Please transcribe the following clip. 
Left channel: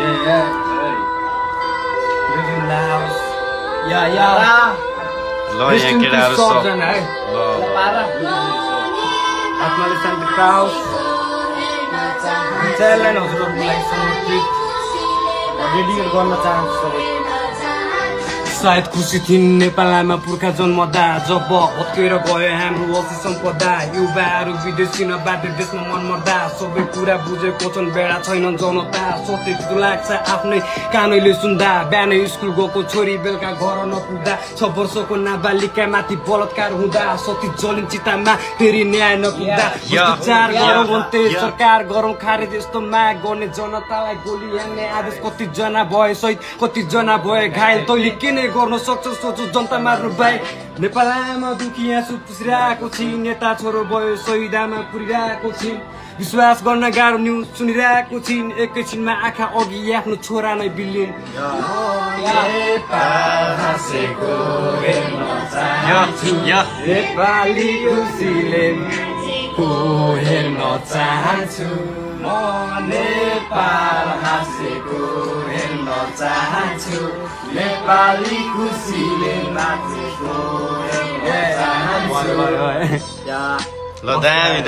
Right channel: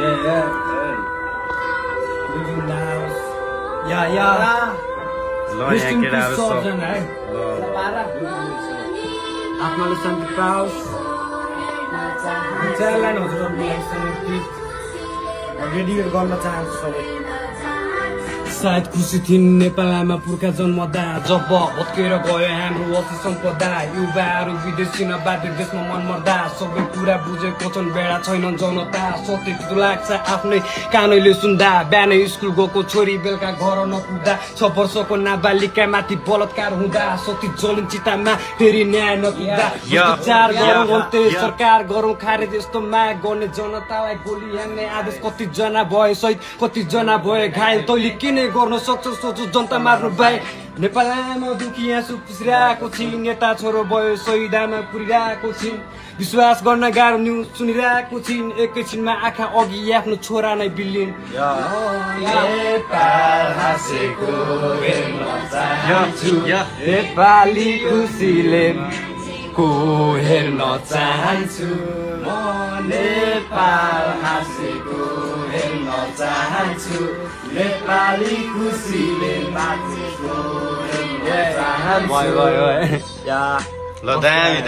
Yeah. Live in the house. Yeah. ल यहाँ केटाहरु सब है ल आत्माले शान्ति पाओस् विचारलाई हजुरहरूको लागि समर्पित डेडिकेट गर्न चाहन्छु सबै सायद खुसी थिइन् नेपालमा पुर्खा जन्मदा जब भत्केर गयो हाम्रो असी सम्पदा युवाहरू विदेशीबाट देशमा मन मर्दा सबै कुरा बुझेको छन् बेडा छैन जनता सोचे त्यो लाग्छ आफ्नै कानैले सुन्दा बिहानै स्कुल गएको छोरी बेलुका घर नपुग्दा 6 वर्षको नाबालिका माथि बलात्कार हुँदा सती जलिन चितामा फेरि न्याय नपुग्दा विचार गरौँ अन्त्य सरकार गरौँ खारेज यस्तो माग गर्ने जनतालाई गोली हान्ने आदेश कति जना भए शहीद कति जना भए घायल तैले किन गर्न सक्छ सोचो जनता मार्नु बाई नेपालमा दुखी आँसु पुसिरहेको छि नेता छोरो भयो शहीदामा पुरिरहेको छि विश्वास गर्न गाह्रो न्युज सुनिरहेको छिन् एकैछिनमा आँखा अघि आफ्नो छोरा नै बिल्लिन् नेपाल हाँसेको हेर्न चाहन्छु नेपाली खुसीले को हेर्न चाहन्छु म नेपाल हाँसेको हेर्न चाहन्छु नेपाली खुसीले नाचेको हेर्न चाहन्छु ल दामी